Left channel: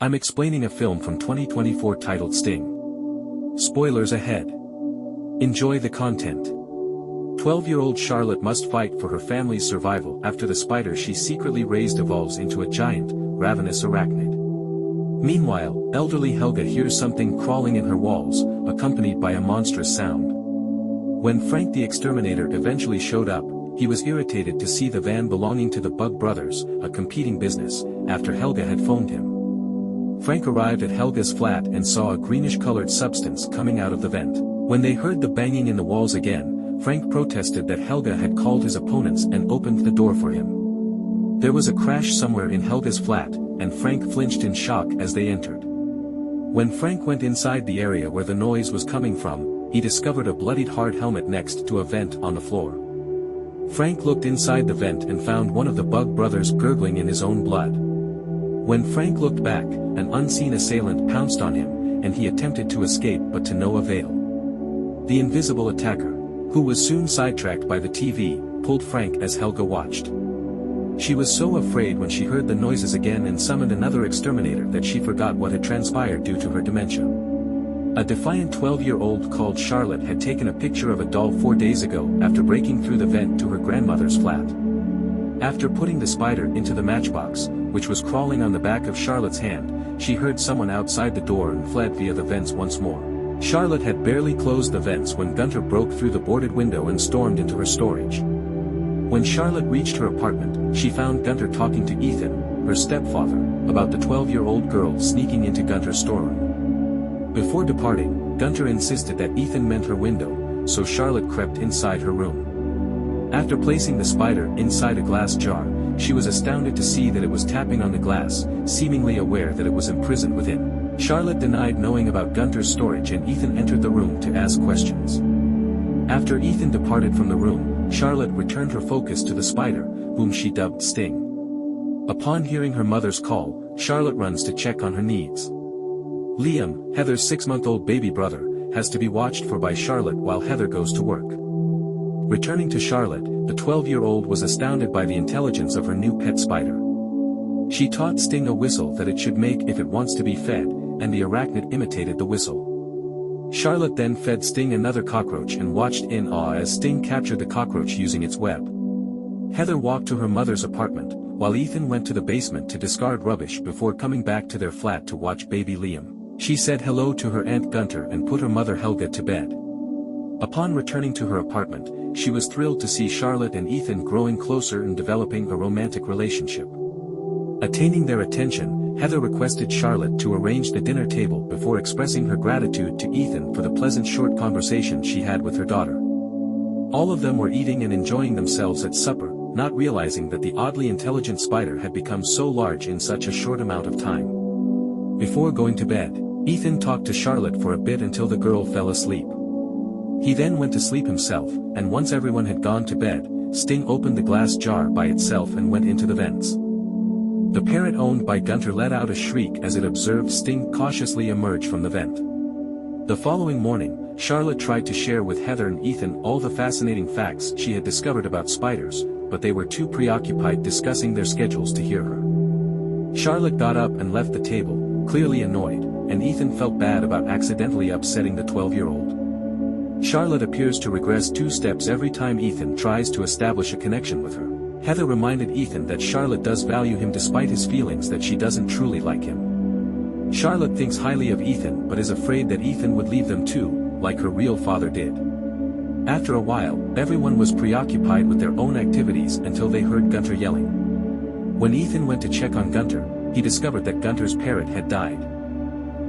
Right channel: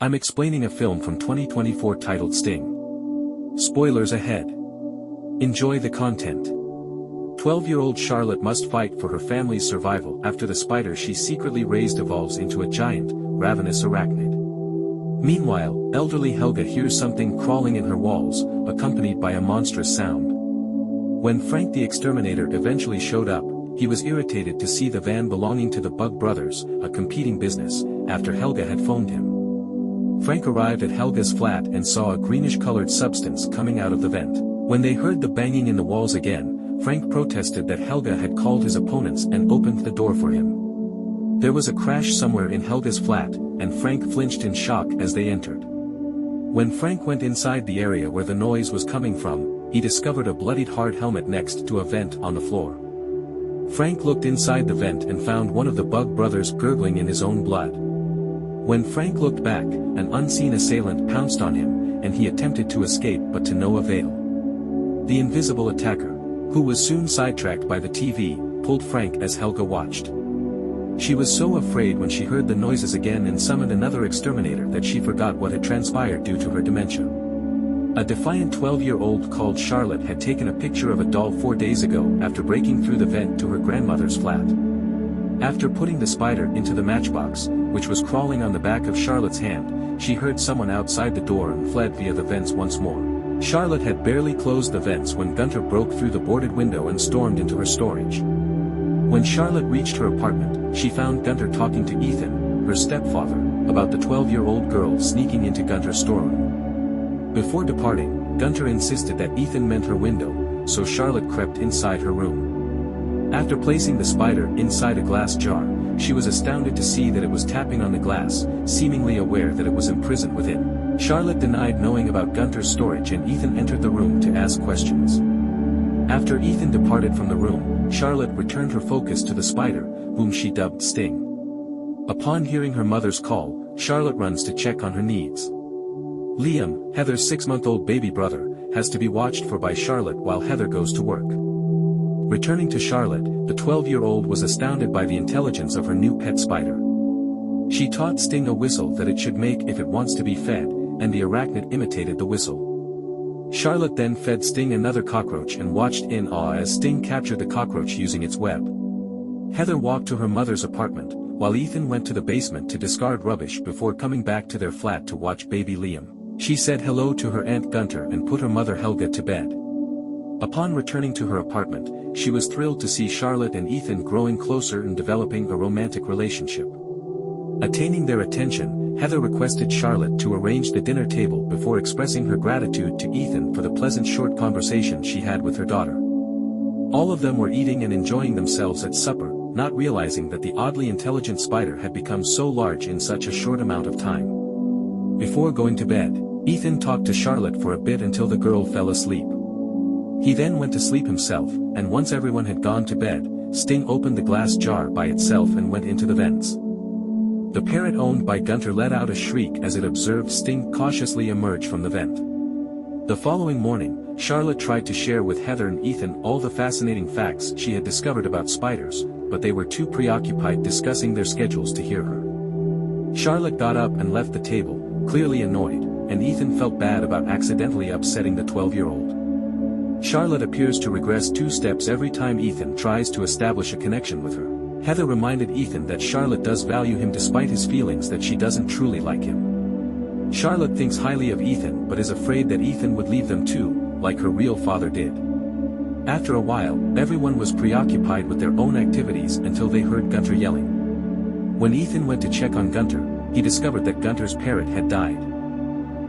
I'm explaining a film from 2024 titled Sting. Spoilers ahead. Enjoy the content. 12-year-old Charlotte must fight for her family's survival after the spider she secretly raised evolves into a giant, ravenous arachnid. Meanwhile, elderly Helga hears something crawling in her walls, accompanied by a monstrous sound. When Frank the Exterminator eventually showed up, he was irritated to see the van belonging to the Bug Brothers, a competing business, after Helga had phoned him. Frank arrived at Helga's flat and saw a greenish-colored substance coming out of the vent. When they heard the banging in the walls again, Frank protested that Helga had called his opponents and opened the door for him. There was a crash somewhere in Helga's flat, and Frank flinched in shock as they entered. When Frank went inside the area where the noise was coming from, he discovered a bloodied hard helmet next to a vent on the floor. Frank looked inside the vent and found one of the Bug Brothers gurgling in his own blood. When Frank looked back, an unseen assailant pounced on him, and he attempted to escape but to no avail. The invisible attacker, who was soon sidetracked by the TV, pulled Frank as Helga watched. She was so afraid when she heard the noises again and summoned another exterminator that she forgot what had transpired due to her dementia. A defiant 12-year-old called Charlotte had taken a picture of a doll 4 days ago after breaking through the vent to her grandmother's flat. After putting the spider into the matchbox, which was crawling on the back of Charlotte's hand, she heard someone outside the door and fled via the vents once more. Charlotte had barely closed the vents when Gunter broke through the boarded window and stormed into her storage. When Charlotte reached her apartment, she found Gunter talking to Ethan, her stepfather, about the 12-year-old girl sneaking into Gunter's storeroom. Before departing, Gunter insisted that Ethan meant her window, so Charlotte crept inside her room. After placing the spider inside a glass jar, she was astounded to see that it was tapping on the glass, seemingly aware that it was imprisoned within. Charlotte denied knowing about Gunter's storage and Ethan entered the room to ask questions. After Ethan departed from the room, Charlotte returned her focus to the spider, whom she dubbed Sting. Upon hearing her mother's call, Charlotte runs to check on her needs. Liam, Heather's 6-month-old baby brother, has to be watched for by Charlotte while Heather goes to work. Returning to Charlotte, the 12-year-old was astounded by the intelligence of her new pet spider. She taught Sting a whistle that it should make if it wants to be fed, and the arachnid imitated the whistle. Charlotte then fed Sting another cockroach and watched in awe as Sting captured the cockroach using its web. Heather walked to her mother's apartment, while Ethan went to the basement to discard rubbish before coming back to their flat to watch baby Liam. She said hello to her aunt Gunter and put her mother Helga to bed. Upon returning to her apartment, she was thrilled to see Charlotte and Ethan growing closer and developing a romantic relationship. Attaining their attention, Heather requested Charlotte to arrange the dinner table before expressing her gratitude to Ethan for the pleasant short conversation she had with her daughter. All of them were eating and enjoying themselves at supper, not realizing that the oddly intelligent spider had become so large in such a short amount of time. Before going to bed, Ethan talked to Charlotte for a bit until the girl fell asleep. He then went to sleep himself, and once everyone had gone to bed, Sting opened the glass jar by itself and went into the vents. The parrot owned by Gunter let out a shriek as it observed Sting cautiously emerge from the vent. The following morning, Charlotte tried to share with Heather and Ethan all the fascinating facts she had discovered about spiders, but they were too preoccupied discussing their schedules to hear her. Charlotte got up and left the table, clearly annoyed, and Ethan felt bad about accidentally upsetting the 12-year-old. Charlotte appears to regress 2 steps every time Ethan tries to establish a connection with her. Heather reminded Ethan that Charlotte does value him despite his feelings that she doesn't truly like him. Charlotte thinks highly of Ethan but is afraid that Ethan would leave them too, like her real father did. After a while, everyone was preoccupied with their own activities until they heard Gunter yelling. When Ethan went to check on Gunter, he discovered that Gunter's parrot had died.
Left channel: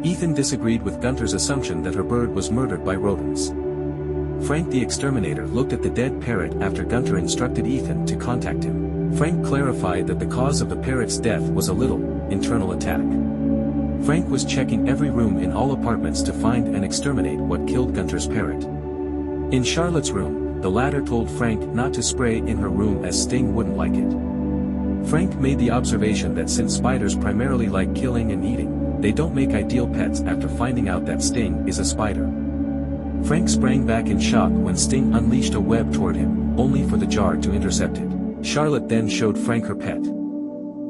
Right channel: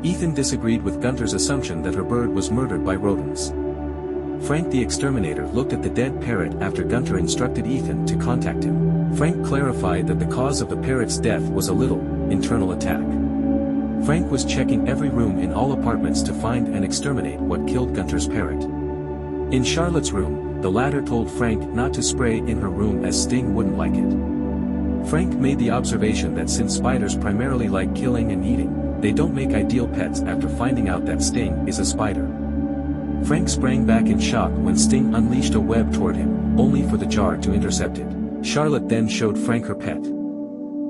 Ethan disagreed with Gunter's assumption that her bird was murdered by rodents. Frank the Exterminator looked at the dead parrot after Gunter instructed Ethan to contact him. Frank clarified that the cause of the parrot's death was a little internal attack. Frank was checking every room in all apartments to find and exterminate what killed Gunter's parrot. In Charlotte's room, the latter told Frank not to spray in her room as Sting wouldn't like it. Frank made the observation that since spiders primarily like killing and eating, they don't make ideal pets after finding out that Sting is a spider. Frank sprang back in shock when Sting unleashed a web toward him, only for the jar to intercept it. Charlotte then showed Frank her pet.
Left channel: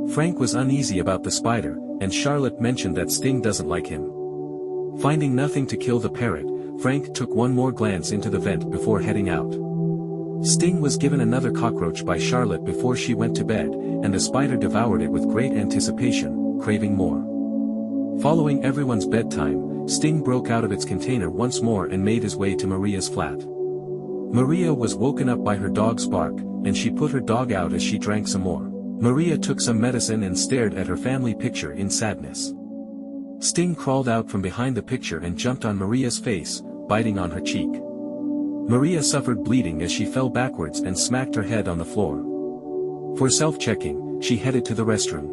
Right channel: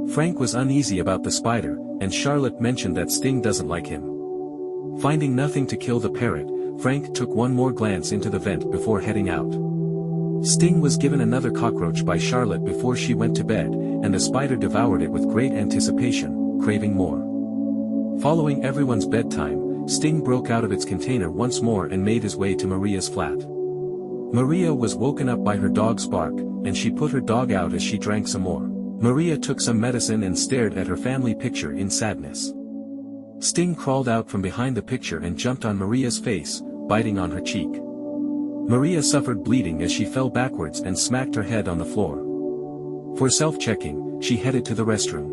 Frank was uneasy about the spider, and Charlotte mentioned that Sting doesn't like him. Finding nothing to kill the parrot, Frank took one more glance into the vent before heading out. Sting was given another cockroach by Charlotte before she went to bed, and the spider devoured it with great anticipation, craving more. Following everyone's bedtime, Sting broke out of its container once more and made his way to Maria's flat. Maria was woken up by her dog's bark, and she put her dog out as she drank some more. Maria took some medicine and stared at her family picture in sadness. Sting crawled out from behind the picture and jumped on Maria's face, biting on her cheek. Maria suffered bleeding as she fell backwards and smacked her head on the floor. For self-checking, she headed to the restroom.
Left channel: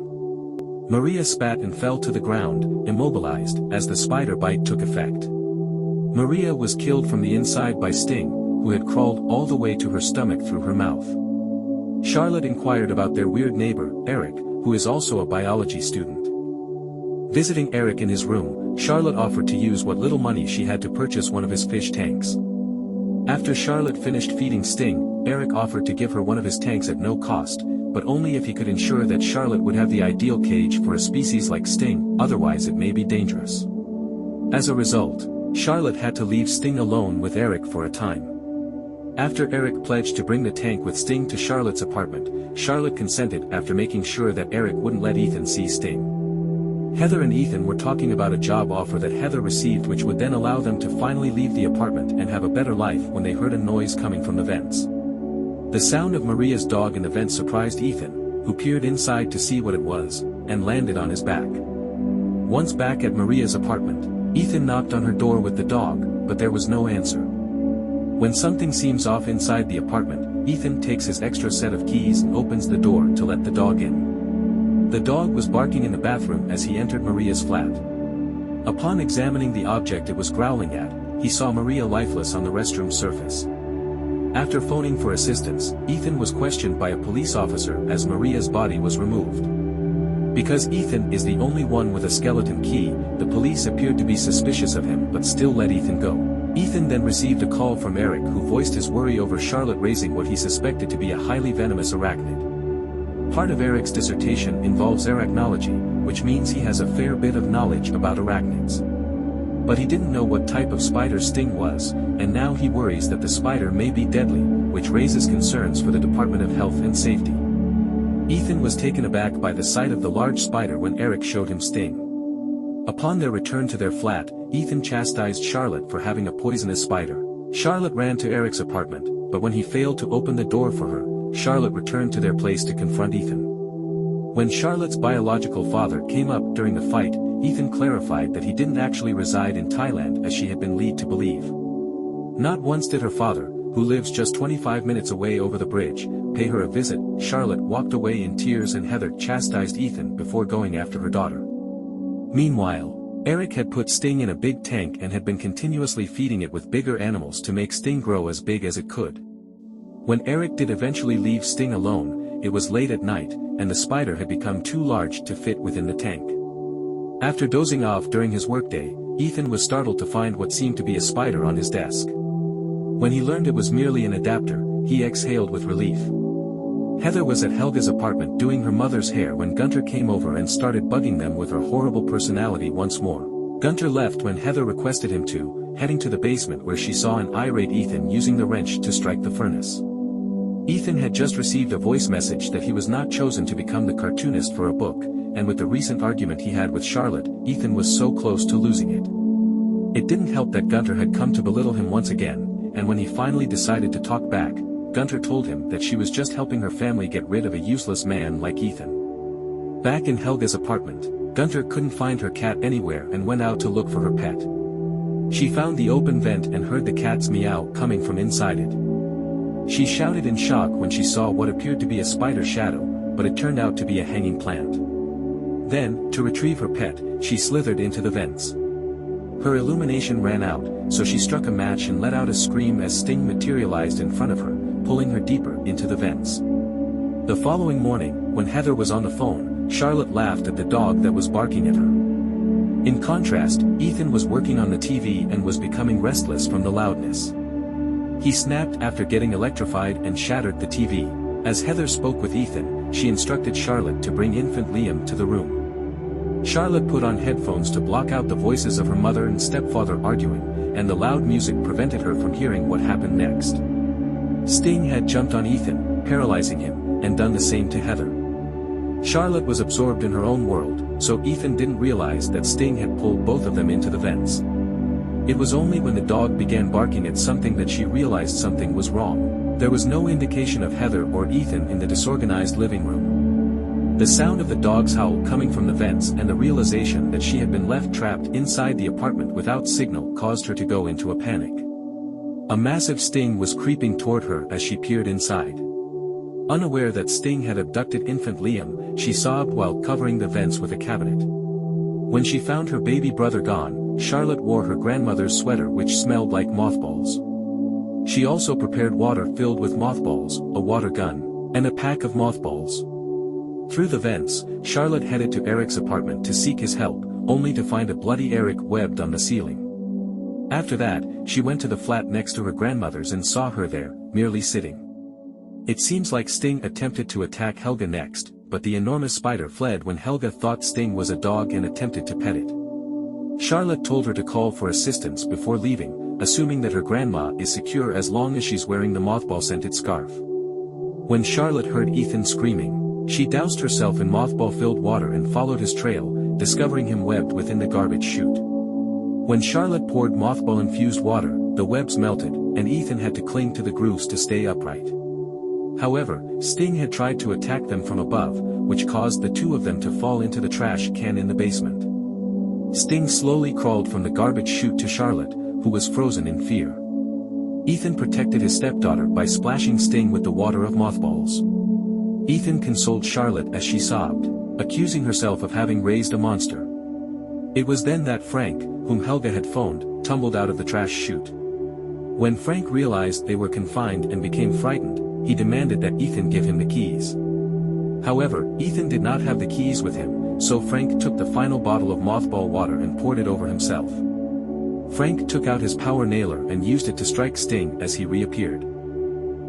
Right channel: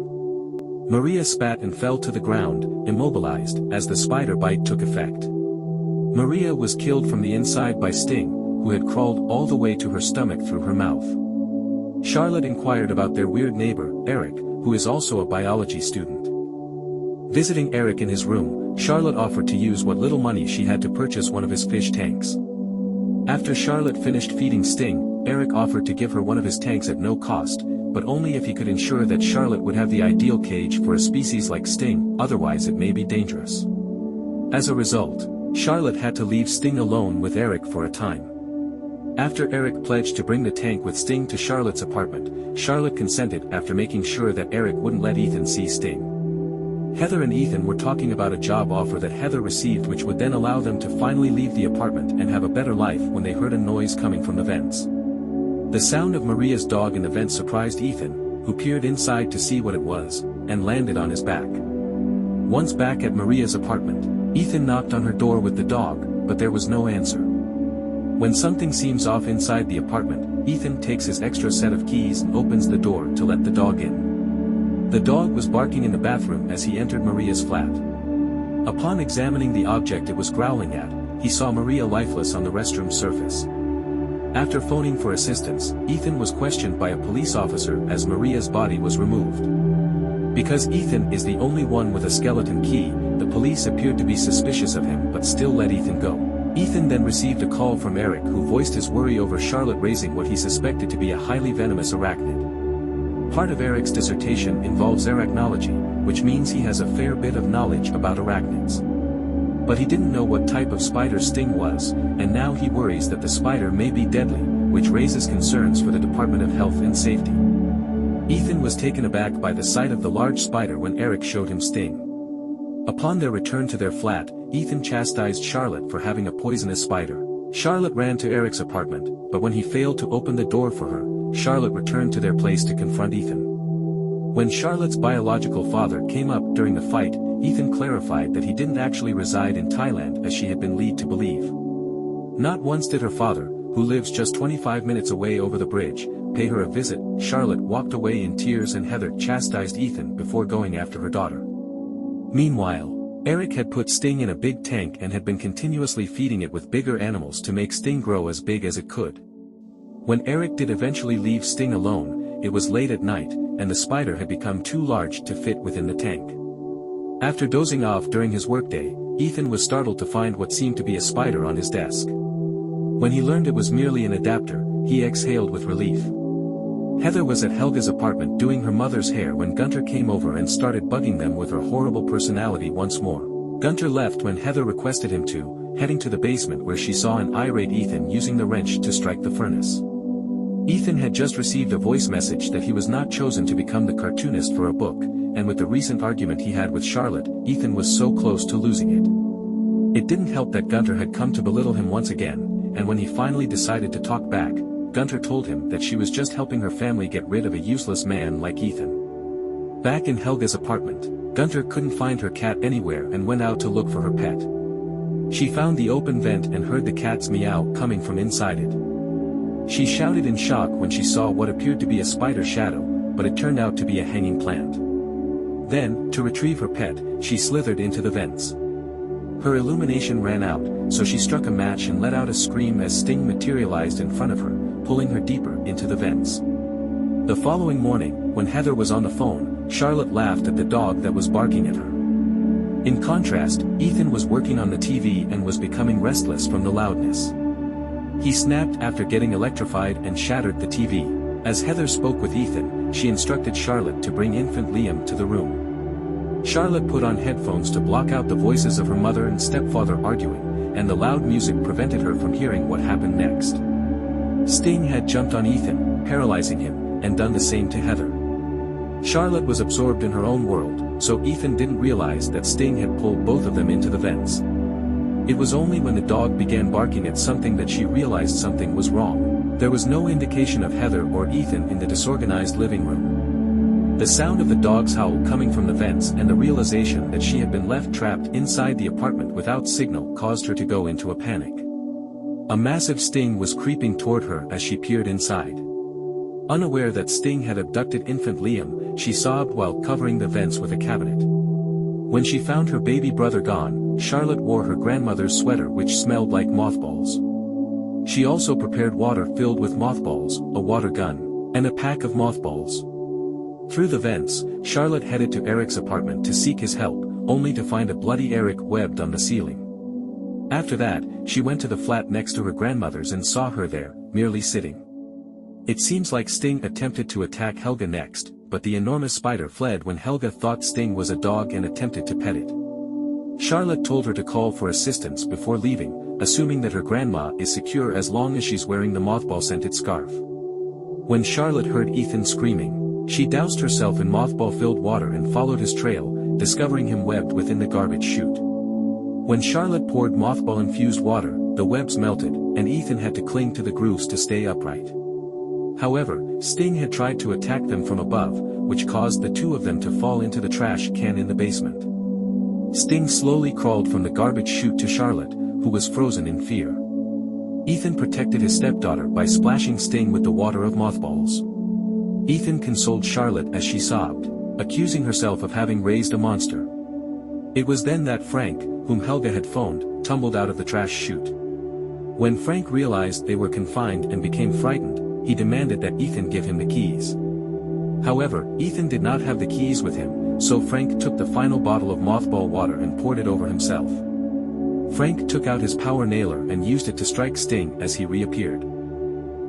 Maria spat and fell to the ground, immobilized, as the spider bite took effect. Maria was killed from the inside by Sting, who had crawled all the way to her stomach through her mouth. Charlotte inquired about their weird neighbor, Eric, who is also a biology student. Visiting Eric in his room, Charlotte offered to use what little money she had to purchase one of his fish tanks. After Charlotte finished feeding Sting, Eric offered to give her one of his tanks at no cost, but only if he could ensure that Charlotte would have the ideal cage for a species like Sting, otherwise it may be dangerous. As a result, Charlotte had to leave Sting alone with Eric for a time. After Eric pledged to bring the tank with Sting to Charlotte's apartment, Charlotte consented after making sure that Eric wouldn't let Ethan see Sting. Heather and Ethan were talking about a job offer that Heather received which would then allow them to finally leave the apartment and have a better life when they heard a noise coming from the vents. The sound of Maria's dog in the vent surprised Ethan, who peered inside to see what it was, and landed on his back. Once back at Maria's apartment, Ethan knocked on her door with the dog, but there was no answer. When something seems off inside the apartment, Ethan takes his extra set of keys and opens the door to let the dog in. The dog was barking in the bathroom as he entered Maria's flat. Upon examining the object it was growling at, he saw Maria lifeless on the restroom surface. After phoning for assistance, Ethan was questioned by a police officer as Maria's body was removed. Because Ethan is the only one with a skeleton key, the police appeared to be suspicious of him but still let Ethan go. Ethan then received a call from Eric who voiced his worry over Charlotte raising what he suspected to be a highly venomous arachnid. Part of Eric's dissertation involves arachnology, which means he has a fair bit of knowledge about arachnids. But he didn't know what type of spider Sting was, and now he worries that the spider may be deadly, which raises concerns for the Department of Health and Safety. Ethan was taken aback by the sight of the large spider when Eric showed him Sting. Upon their return to their flat, Ethan chastised Charlotte for having a poisonous spider. Charlotte ran to Eric's apartment, but when he failed to open the door for her, Charlotte returned to their place to confront Ethan. When Charlotte's biological father came up during the fight, Ethan clarified that he didn't actually reside in Thailand as she had been led to believe. Not once did her father, who lives just 25 minutes away over the bridge, pay her a visit. Charlotte walked away in tears and Heather chastised Ethan before going after her daughter. Meanwhile, Eric had put Sting in a big tank and had been continuously feeding it with bigger animals to make Sting grow as big as it could. When Eric did eventually leave Sting alone, it was late at night, and the spider had become too large to fit within the tank. After dozing off during his workday, Ethan was startled to find what seemed to be a spider on his desk. When he learned it was merely an adapter, he exhaled with relief. Heather was at Helga's apartment doing her mother's hair when Gunter came over and started bugging them with her horrible personality once more. Gunter left when Heather requested him to, heading to the basement where she saw an irate Ethan using the wrench to strike the furnace. Ethan had just received a voice message that he was not chosen to become the cartoonist for a book, and with the recent argument he had with Charlotte, Ethan was so close to losing it. It didn't help that Gunter had come to belittle him once again, and when he finally decided to talk back, Gunter told him that she was just helping her family get rid of a useless man like Ethan. Back in Helga's apartment, Gunter couldn't find her cat anywhere and went out to look for her pet. She found the open vent and heard the cat's meow coming from inside it. She shouted in shock when she saw what appeared to be a spider shadow, but it turned out to be a hanging plant. Then, to retrieve her pet, she slithered into the vents. Her illumination ran out, so she struck a match and let out a scream as Sting materialized in front of her, pulling her deeper into the vents. The following morning, when Heather was on the phone, Charlotte laughed at the dog that was barking at her. In contrast, Ethan was working on the TV and was becoming restless from the loudness. He snapped after getting electrified and shattered the TV. As Heather spoke with Ethan, she instructed Charlotte to bring infant Liam to the room. Charlotte put on headphones to block out the voices of her mother and stepfather arguing, and the loud music prevented her from hearing what happened next. Sting had jumped on Ethan, paralyzing him, and done the same to Heather. Charlotte was absorbed in her own world, so Ethan didn't realize that Sting had pulled both of them into the vents. It was only when the dog began barking at something that she realized something was wrong. There was no indication of Heather or Ethan in the disorganized living room. The sound of the dog's howl coming from the vents and the realization that she had been left trapped inside the apartment without signal caused her to go into a panic. A massive Sting was creeping toward her as she peered inside. Unaware that Sting had abducted infant Liam, she sobbed while covering the vents with a cabinet. When she found her baby brother gone, Charlotte wore her grandmother's sweater which smelled like mothballs. She also prepared water filled with mothballs, a water gun, and a pack of mothballs. Through the vents, Charlotte headed to Eric's apartment to seek his help, only to find a bloody Eric webbed on the ceiling. After that, she went to the flat next to her grandmother's and saw her there, merely sitting. It seems like Sting attempted to attack Helga next, but the enormous spider fled when Helga thought Sting was a dog and attempted to pet it. Charlotte told her to call for assistance before leaving, assuming that her grandma is secure as long as she's wearing the mothball-scented scarf. When Charlotte heard Ethan screaming, she doused herself in mothball-filled water and followed his trail, discovering him webbed within the garbage chute. When Charlotte poured mothball-infused water, the webs melted, and Ethan had to cling to the grooves to stay upright. However, Sting had tried to attack them from above, which caused the two of them to fall into the trash can in the basement. Sting slowly crawled from the garbage chute to Charlotte, who was frozen in fear. Ethan protected his stepdaughter by splashing Sting with the water of mothballs. Ethan consoled Charlotte as she sobbed, accusing herself of having raised a monster. It was then that Frank, whom Helga had phoned, tumbled out of the trash chute. When Frank realized they were confined and became frightened, he demanded that Ethan give him the keys. However, Ethan did not have the keys with him, so Frank took the final bottle of mothball water and poured it over himself. Frank took out his power nailer and used it to strike Sting as he reappeared.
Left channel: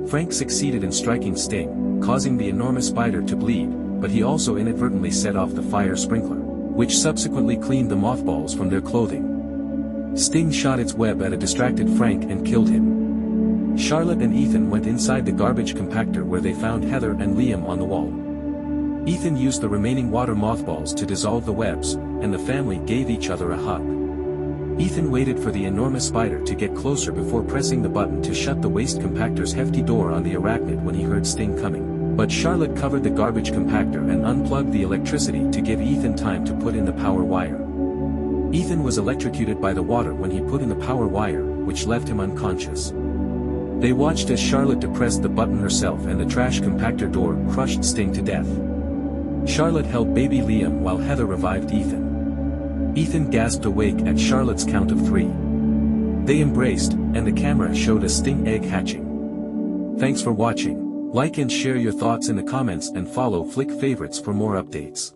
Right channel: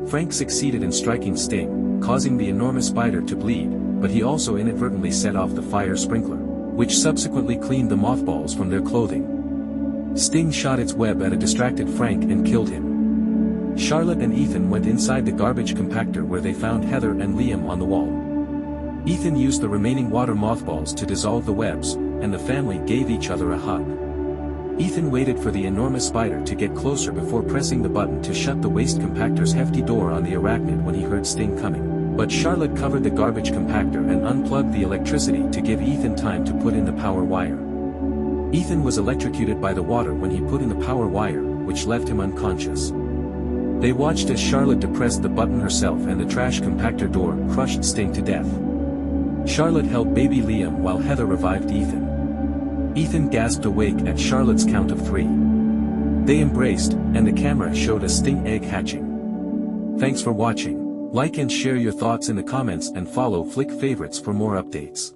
Frank succeeded in striking Sting, causing the enormous spider to bleed, but he also inadvertently set off the fire sprinkler, which subsequently cleaned the mothballs from their clothing. Sting shot its web at a distracted Frank and killed him. Charlotte and Ethan went inside the garbage compactor where they found Heather and Liam on the wall. Ethan used the remaining water mothballs to dissolve the webs, and the family gave each other a hug. Ethan waited for the enormous spider to get closer before pressing the button to shut the waste compactor's hefty door on the arachnid when he heard Sting coming, but Charlotte covered the garbage compactor and unplugged the electricity to give Ethan time to put in the power wire. Ethan was electrocuted by the water when he put in the power wire, which left him unconscious. They watched as Charlotte depressed the button herself and the trash compactor door crushed Sting to death. Charlotte held baby Liam while Heather revived Ethan. Ethan gasped awake at Charlotte's count of 3. They embraced, and the camera showed a Sting egg hatching. Thanks for watching. Like and share your thoughts in the comments and follow Flick Favorites for more updates.